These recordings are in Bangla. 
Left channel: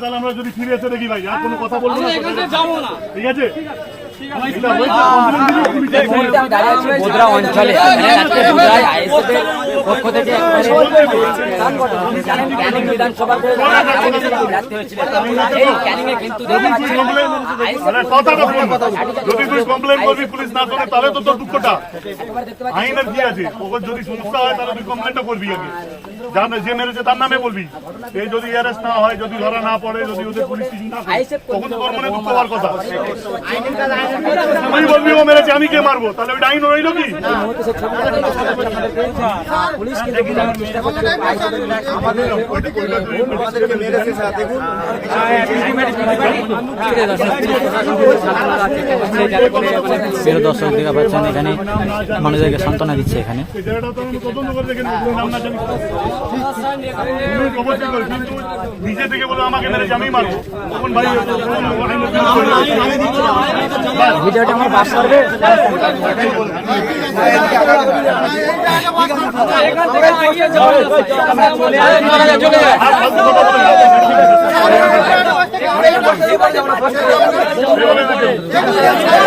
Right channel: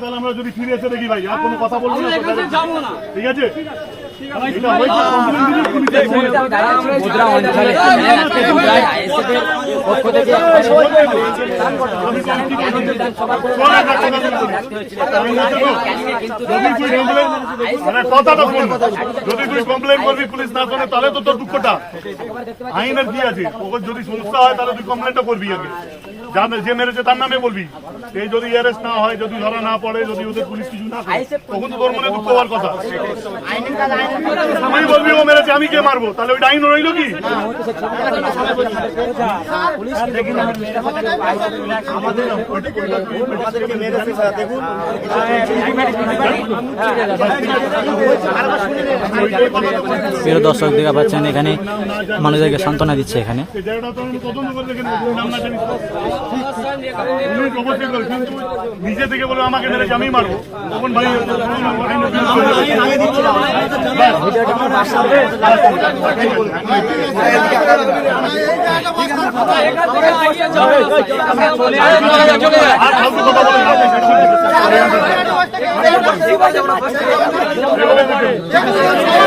তাহলে আমরা যদি ফিরে এসে দেখি ভাই আর কোনো কথা বলবো না, ঠিক আছে? এটা হয়তো কমপ্লেন দিবি পুলিশে মুদ্রা অঞ্চলে যদি তুই কমপ্লেন করবি পুলিশ না শোনে তাহলে তো তোর দুঃখটা। আইনের কি আছে, ওকে যদি সমস্যা হয় তাহলে তুই কমপ্লেনটা করবি আগে, যে মেরেছে তার নামে বলবি। এই যদি অ্যারেস্ট না হয়, যদি ধরা না পড়ে, যদি ওদের পুলিশ কিছু না করে, তখন তো তোর মনে দুঃখ হওয়ার কথা। আমি বলবি ও মেরেছে আমি কে মারবো, তাহলে ওইটা আইন রইল কি? প্রিয় দর্শক দেখা পাচ্ছেন এখানে মানুষদেরকে সান্ত্বনা দিচ্ছে। এখানে কিন্তু নিজে থেকে বলে আমাকে মেরেছে আমি মারবো, তখন ভাই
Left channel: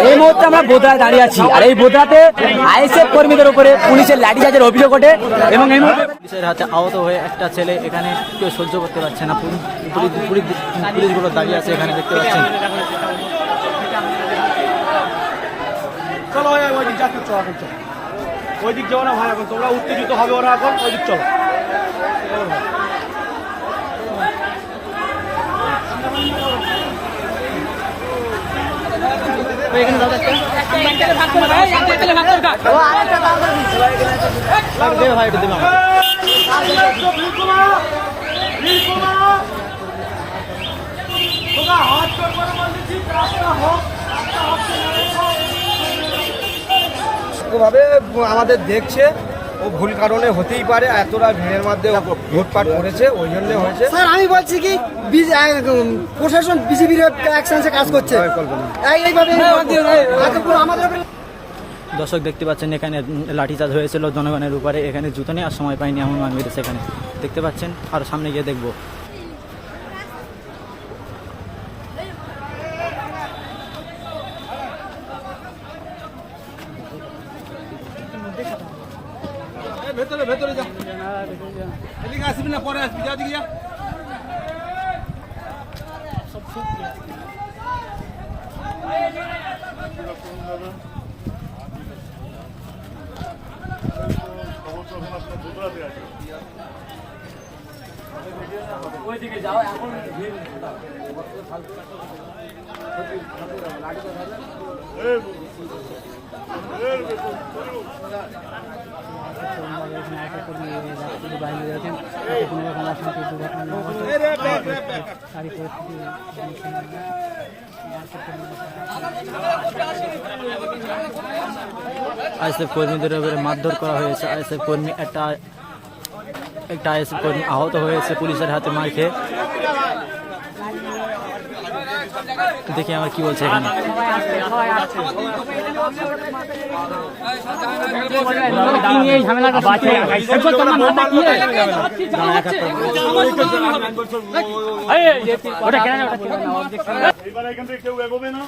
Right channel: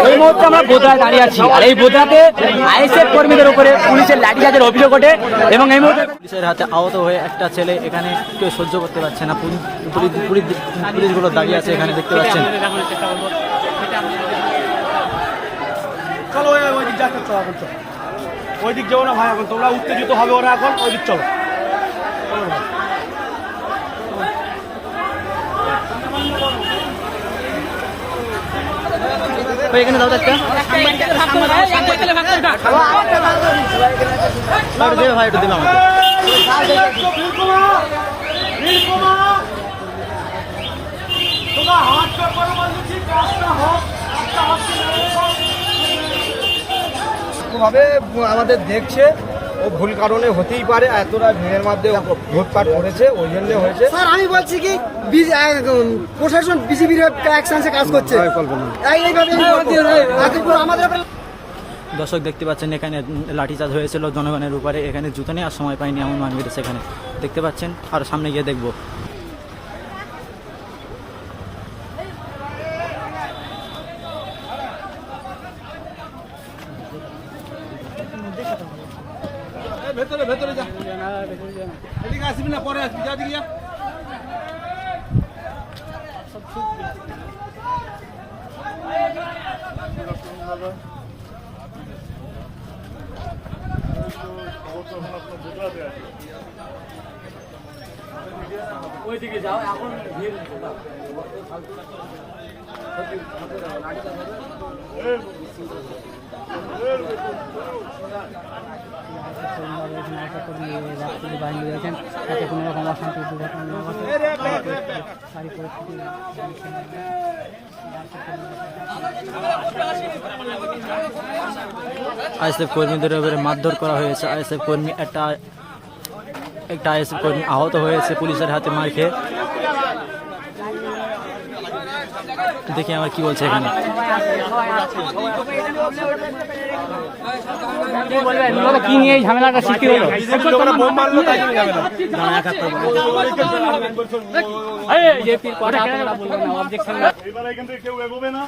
এই মুহূর্তে আমরা বোধরায় দাঁড়িয়ে আছি, আর এই বোধরাতে আইএসএফ কর্মীদের উপরে পুলিশের লাঠিচার্জের অভিযোগ ওঠে এবং এই মুহূর্তে পুলিশের হাতে আহত হয়ে একটা ছেলে এখানে কেউ সহ্য করতে পারছে না। পুলিশগুলো দাঁড়িয়ে আছে এখানে, দেখতে পাচ্ছেন। চলো ওই দিক যাচ্ছ, এখন চলো ওই দিক যাও না ভাই, এখন তোমরা উত্তেজিত হবে ওরা, এখন ওই দিক চলো। এখানে দাও একটা ভাই, একটু দিলাম ভাবে আমাদের দেখছে, ও ভুল কারণে হতেই পারে, এতটা ভিড়ের মধ্যে ভোটপাট করেছে, ওই জন্য হয়েছে। স্যার আমি বলছি কি প্রশাসন বিজেপির অ্যাকশনসে কাজ করছে। দর্শক দেখতে পাচ্ছেন এখানে লাঠিচার্জ হয়েছিল জনগণের উপরে। এখানে জুতো নেওয়ার সময় পাইনি এমন মান মেরেছে এখানে, দেখতে পাচ্ছেন। আর সামনে গিয়ে দেখবো। ভেতরে ভেতরে যা, এদিকে আসবি না, পরে আসবি, যা দিকে যা। ওইদিকে যাও, এখন আইএসএফ কর্মীদের উপরে মারধর করা হয়েছে। আইএসএফ কর্মী একটা আইএসএফ কর্মী আহত হয়েছে পুলিশের হাতে মার খেয়ে। দেখি আমার কি বলছে এখানে। এবার এখান থেকে কেউ এগোবে না,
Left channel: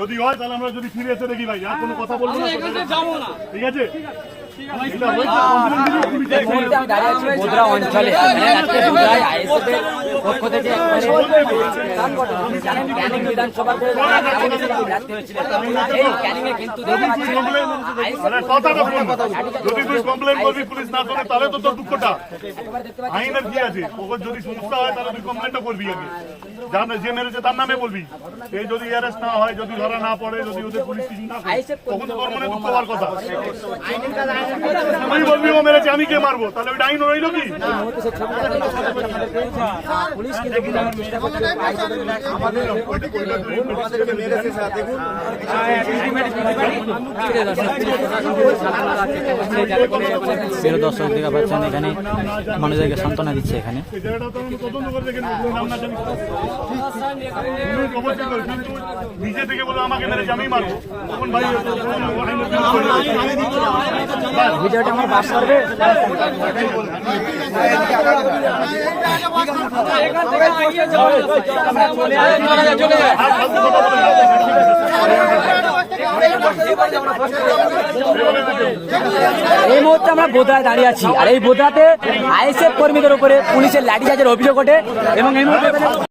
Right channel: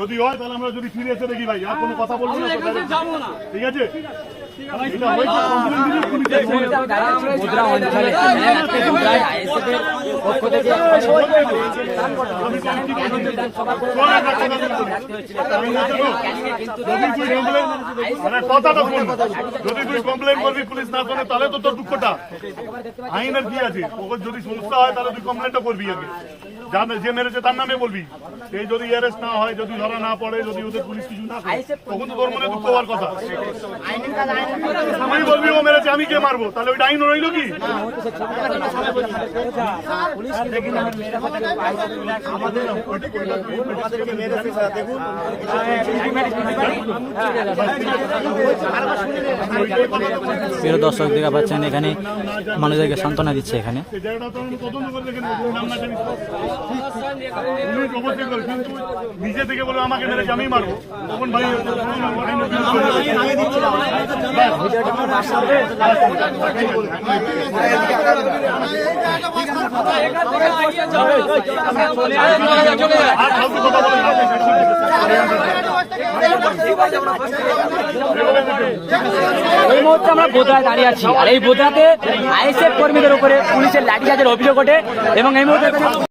যদি হয় তাহলে আমরা যদি ফিরে এসে দেখি ভাই আর কোনো কথা বলবো না, ঠিক আছে? এটা হয়তো কমপ্লেন দিবি পুলিশে মুদ্রা অঞ্চলে কথাটা বল, যদি তুই কমপ্লেন করবি পুলিশ না শোনে তাহলে তো তোর দুঃখটা। আইনের কি আছে, ওকে যদি সমস্যা হয় তাহলে তুই কমপ্লেনটা করবি আগে, যে মেরেছে তার নামে বলবি। এই যদি অ্যারেস্ট না হয়, যদি ধরা না পড়ে, যদি ওদের পুলিশ কিছু না করে, তখন তো তোর মনে দুঃখ হওয়ার কথা। আমি বলবি ও মেরেছে আমি কে মারবো, তাহলে ওইটা আইন রইল কি? প্রিয় দর্শক দেখা পাচ্ছেন এখানে মানুষদেরকে সান্ত্বনা দিচ্ছে। এখানে তদন্ত করে দেখেন নাম না জানি কিন্তু নিজে থেকে বলে আমাকে মেরেছে আমি মারবো, তখন ভাই এই মুহূর্তে আমরা বোদরায় দাঁড়িয়ে আছি, আর এই বোদরাতে আইএসএফ কর্মীদের উপরে পুলিশের লাঠিচার্জের অভিযোগ ওঠে এবং এই মুহূর্তে